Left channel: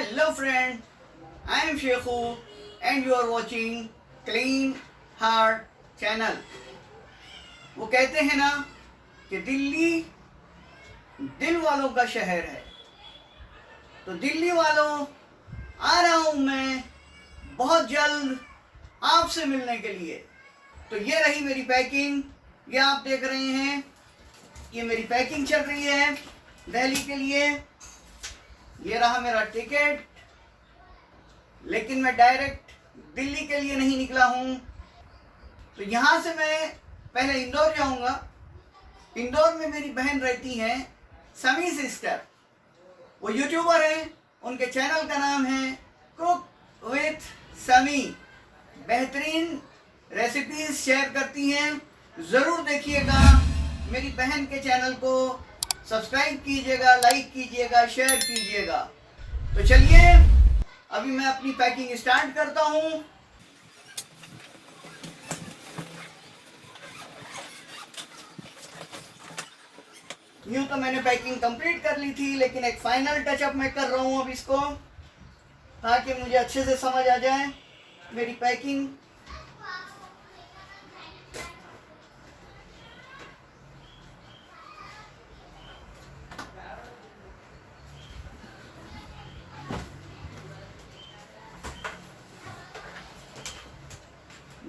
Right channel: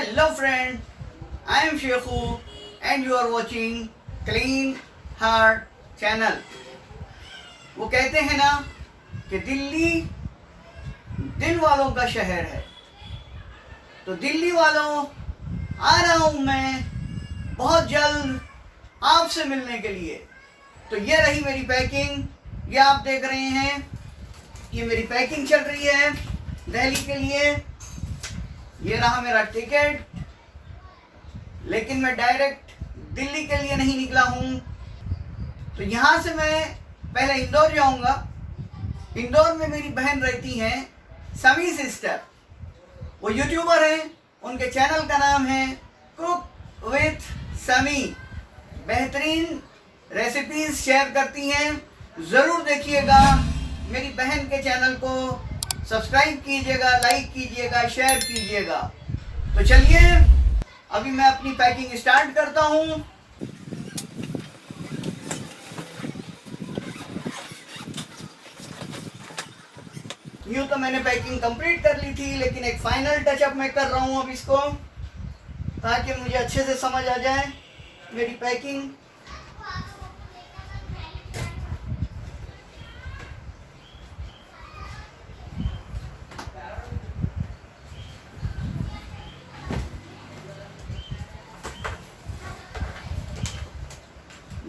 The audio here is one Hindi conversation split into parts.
Hello friend, I am Shekhu and you are watching Clean Heart Channel। वो कहते हैं ना कि दिल्ली दिल वालों का शहर है, तो दिल्ली वालों आ रहा हूँ मैं बहुत जल्द आपसे मिलने के लिए। तो ये रही मेरी पैकिंग, ये आप देख रहे हैं, ये मेरी पैकिंग चल रही है दिल्ली के लिए। ये रहा मेरा टिकट, लेकिन मैं डायरेक्ट दिल्ली के लिए नहीं निकला हूँ। तो यहाँ से मैं पहले इंदौर जाऊँगा। इंदौर में मेरी बहन रहती हैं, समी सिस्टर। वो यूट्यूबर हैं, उनके चैनल का नाम है कुक विथ समी। बेहतरीन रेसिपीज शेयर करती हैं, ज़रूर देखिएगा। मेरी बहन के चैनल को सब्सक्राइब कीजिएगा, लाइक कीजिएगा, शेयर कीजिएगा। तो चलिए अभी मैं अपनी पैकिंग स्टार्ट करता हूँ। यूँ तो मैंने पैकिंग कंप्लीट कर ली थी, लेकिन एक फाइनल टचअप मैं कर रहा हूँ अब इसको, ताकि मुझे अच्छे से समझ आ जाए मेरी पैकिंग।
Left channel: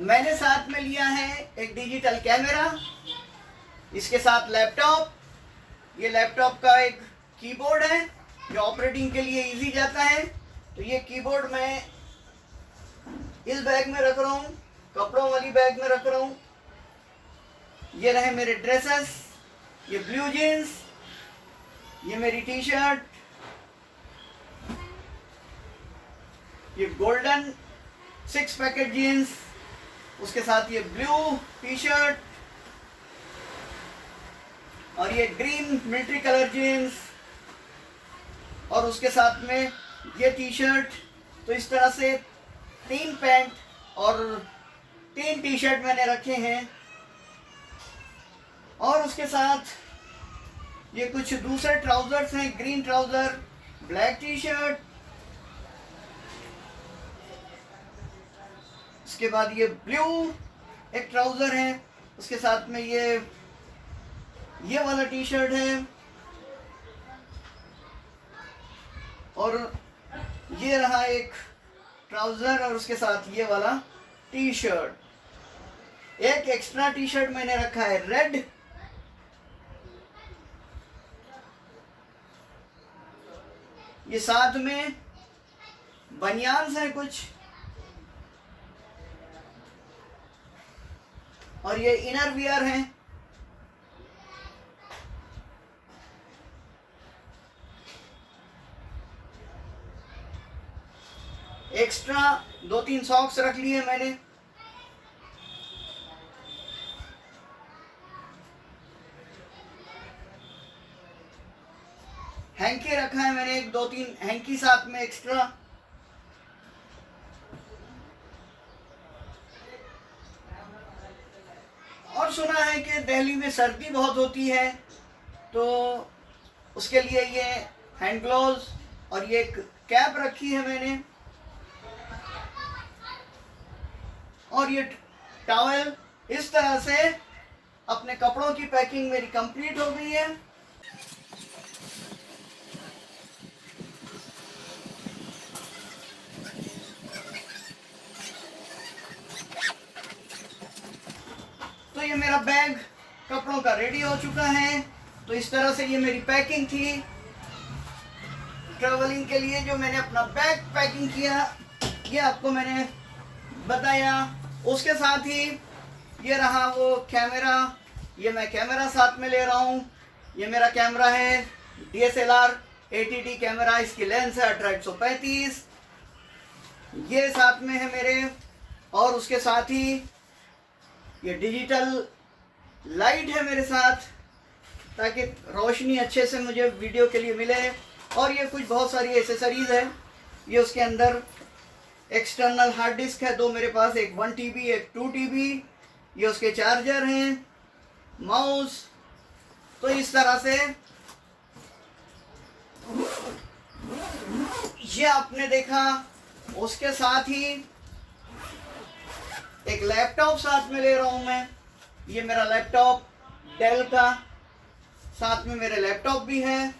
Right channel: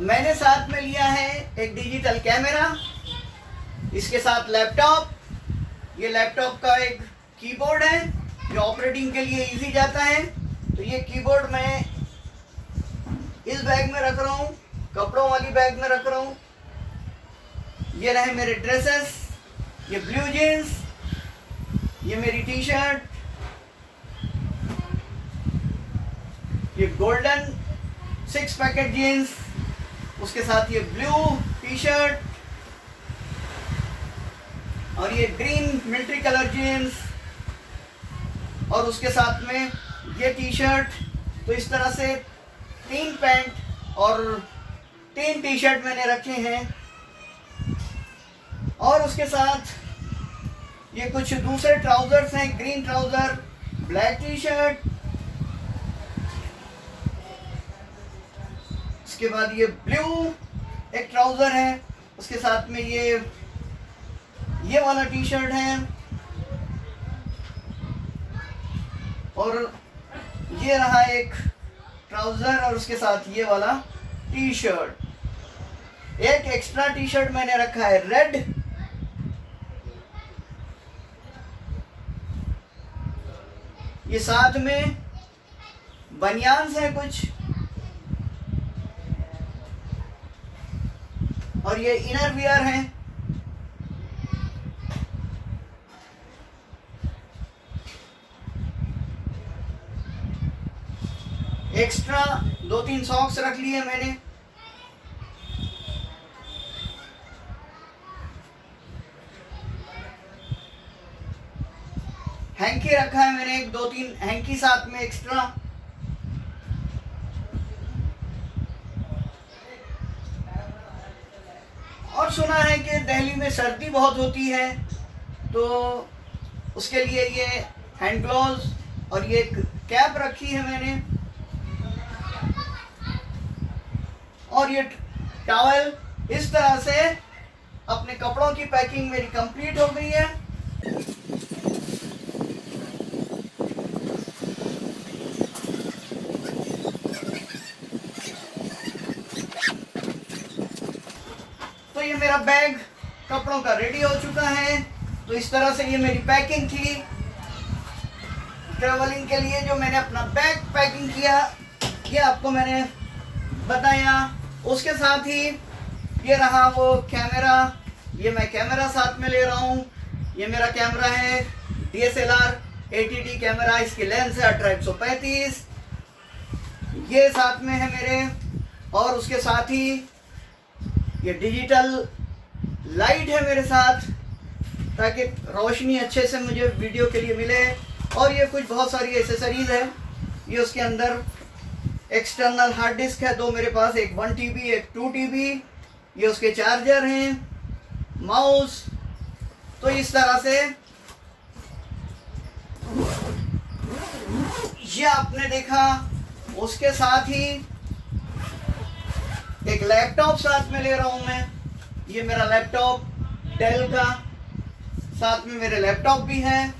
मैंने साथ में लिया है एक डिजिटल कैमरा, इसके साथ लैपटॉप। ये लैपटॉप का एक कीबोर्ड है जो ऑपरेटिंग के लिए इजी जाता है। तो ये कीबोर्ड मैं इस बैग में रख रहा हूँ, कपड़ों वाली बैग में रख रहा हूँ। ये रहे मेरे ड्रेसेस, ये ब्लू जीन्स, ये मेरी टी शर्ट, ये गोल्डन 6 पैकेट जीन्स, उसके साथ ये ब्लू टी शर्ट और ये ग्रीन मिलिट्री कलर जीन्स, और उसके साथ में ये टी शर्ट। तो इस तरह से 3 पैंट और 3 टी शर्ट मैंने रखे हैं। और उसके साथ ये कुछ दूसरे ट्राउजर्स हैं, green trouser, black T shirt. उसके बाद ये ब्लू एक ट्राउजर है, उसके साथ में ये वाला टी शर्ट है, और ये रहा एक ट्राउजर और उसके साथ ये वाला टी शर्ट। एक एक्स्ट्रा टी शर्ट मैंने रखा है रेड। ये साथ में बनियान्स हैं कुछ, और ये इनर वियर हैं। एक्स्ट्रा 2-3 सॉक्स रख लिए मैंने। हैंकी रखा है मैंने, 1-2-3 हैंकी साथ में एक्स्ट्रा। और सुना है कि दिल्ली में सर्दी बहुत होती है, तो उसके लिए ये हैंड ग्लोव्स और ये कैप रखी है मैंने, और ये टॉवल। इस तरह से अपने कपड़ों की पैकिंग मेरी कंप्लीट हो गई है। तो ये मेरा बैग कपड़ों का रेडी हो चुका है। तो इस तरह से ये मेरी पैकिंग थी ट्रैवलिंग के लिए। जो मैंने अपना बैग पैकिंग किया, ये आपको मैंने बताया। उसके साथ ही ये रहा वो कैमरा, ये मैं कैमरा साथ में ले रहा हूँ। ये मेरा कैमरा है DSLR ATT कैमरा, इसकी लेंस है 18-135। ये साथ में है मेरे, और उसके साथ ही ये डिजिटल लाइट है मेरे साथ, ताकि रोशनी अच्छे से मुझे वीडियो के लिए मिले। और ये कुछ बहुत सारी एसेसरीज है। ये उसके अंदर एक्सटर्नल हार्ड डिस्क है 2 मेरे पास, एक 1 TB एक 2 TB। ये उसके चार्जर हैं, माउस। तो इस तरह से ये आपने देखा। उसके साथ ही एक लैपटॉप साथ में ले रहा हूं मैं। ये मेरा लैपटॉप डेल का, साथ में मेरे लैपटॉप भी है।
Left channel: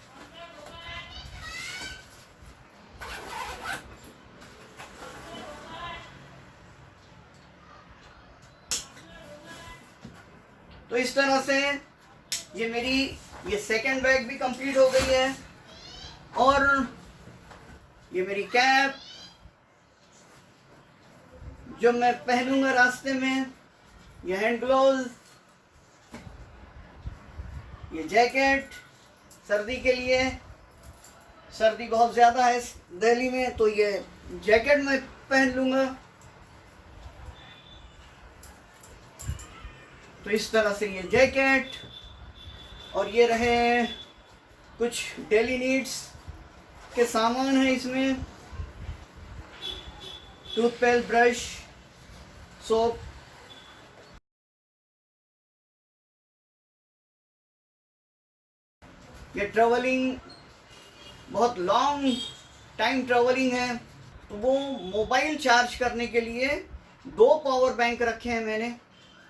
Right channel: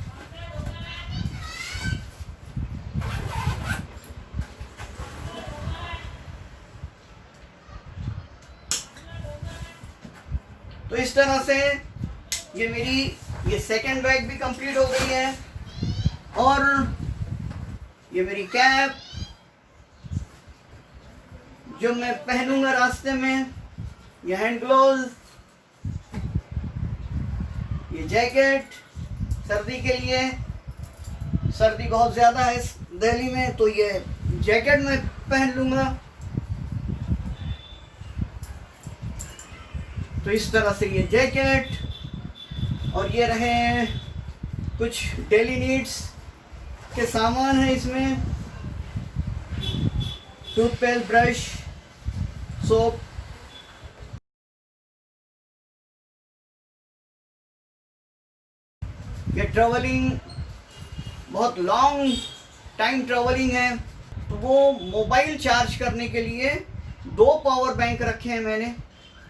तो इस तरह से ये सेकंड बैग भी कंप्लीट हो गई है। और ये मेरी कैप जो मैं पहनूंगा रास्ते में, ये हैंड ग्लोव्स, ये जैकेट सर्दी के लिए, सर्दी बहुत ज़्यादा है इस दिल्ली में, तो ये जैकेट मैं पहन लूँगा। तो इस तरह से ये जैकेट, और ये रहे कुछ डेली नीड्स के सामान है इसमें, टूथपेस्ट, ब्रश, सोप। ये ट्रैवलिंग बहुत लॉन्ग टाइम ट्रैवलिंग है, तो वो मोबाइल चार्ज करने के लिए 2 पावर बैंक रखे हैं मैंने।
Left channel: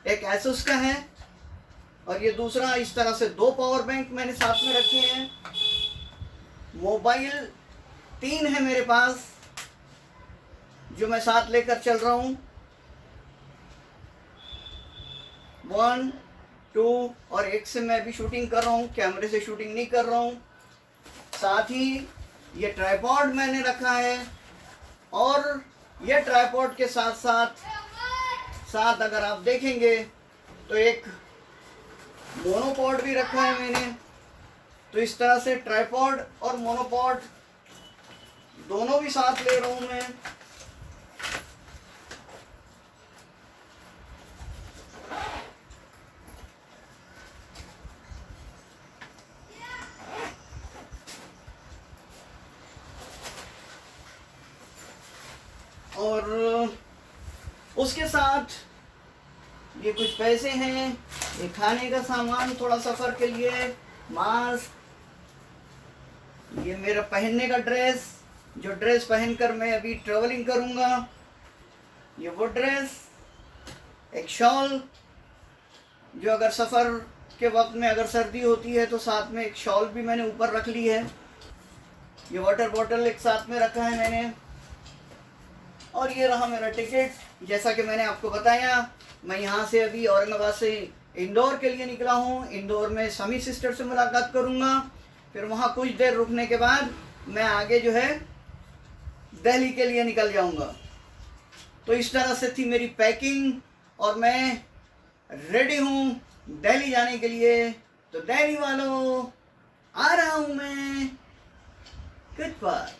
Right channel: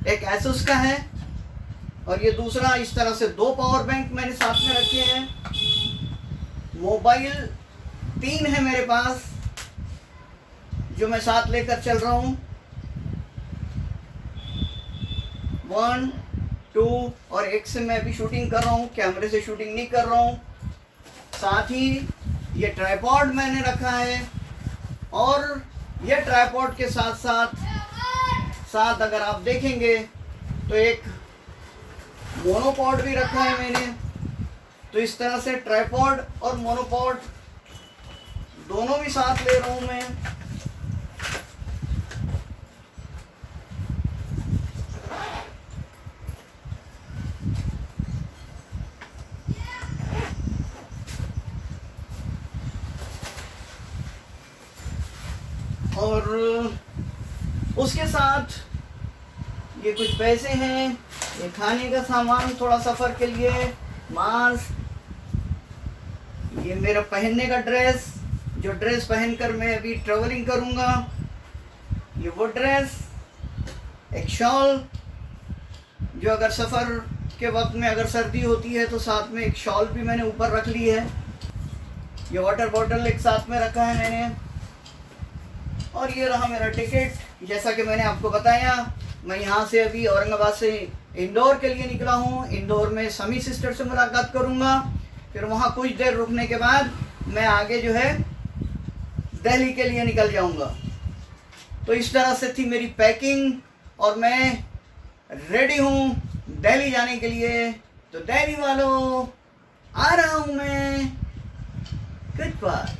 एक एसुस का है और ये दूसरा, इस तरह से 2 पावर बैंक मैंने साथ में रखे हैं। मोबाइल 3 है मेरे पास जो मैं साथ लेकर चल रहा हूँ, 1, 2 और एक से मैं अभी शूटिंग कर रहा हूँ, कैमरे से शूटिंग नहीं कर रहा हूँ। साथ ही ये ट्राइपॉड मैंने रखा है, और ये ट्राइपॉड के साथ साथ अगर आप देखेंगे तो एक मोनोपॉड भी रखा है मैंने। तो इस तरह से ट्राइपॉड और मोनोपॉड दोनों भी साथ ले रहा हूँ मैं। और उसके साथ ये कुछ पैसे हैं, ये खाने का सामान थोड़ा सफ़र के लिए, मास्क, ये मेरा पहनने का ड्रेस, जो ड्रेस पहनकर मैं अभी ट्रैवलिंग करूँगा, ये वो ड्रेस, एक शॉल जो अगर सफ़र के वक्त में अगर सर्दी होती है तो साथ में एक शॉल भी मैंने ऊपर रख ली है। ये वाटर बॉटल एक साथ में रखा है मैंने। और ये रहा मेरा टिकट। जैसा कि मैंने आपको बताया, मैं यहाँ से अभी औरंगाबाद से इंदौर के लिए निकला हूँ। इंदौर में समी सिस्टर से मुलाकात करूँगा, फिर वहाँ कुछ देर रुकने के बाद मैं आगे जो है दिल्ली के लिए निकल जाऊँगा। तो इस तरह से थी मेरी पैकिंग, और मैं रेडी हूँ दिल्ली जाने के लिए। तो दिल्ली वालों, आ रहा हूँ मैं कुछ बार।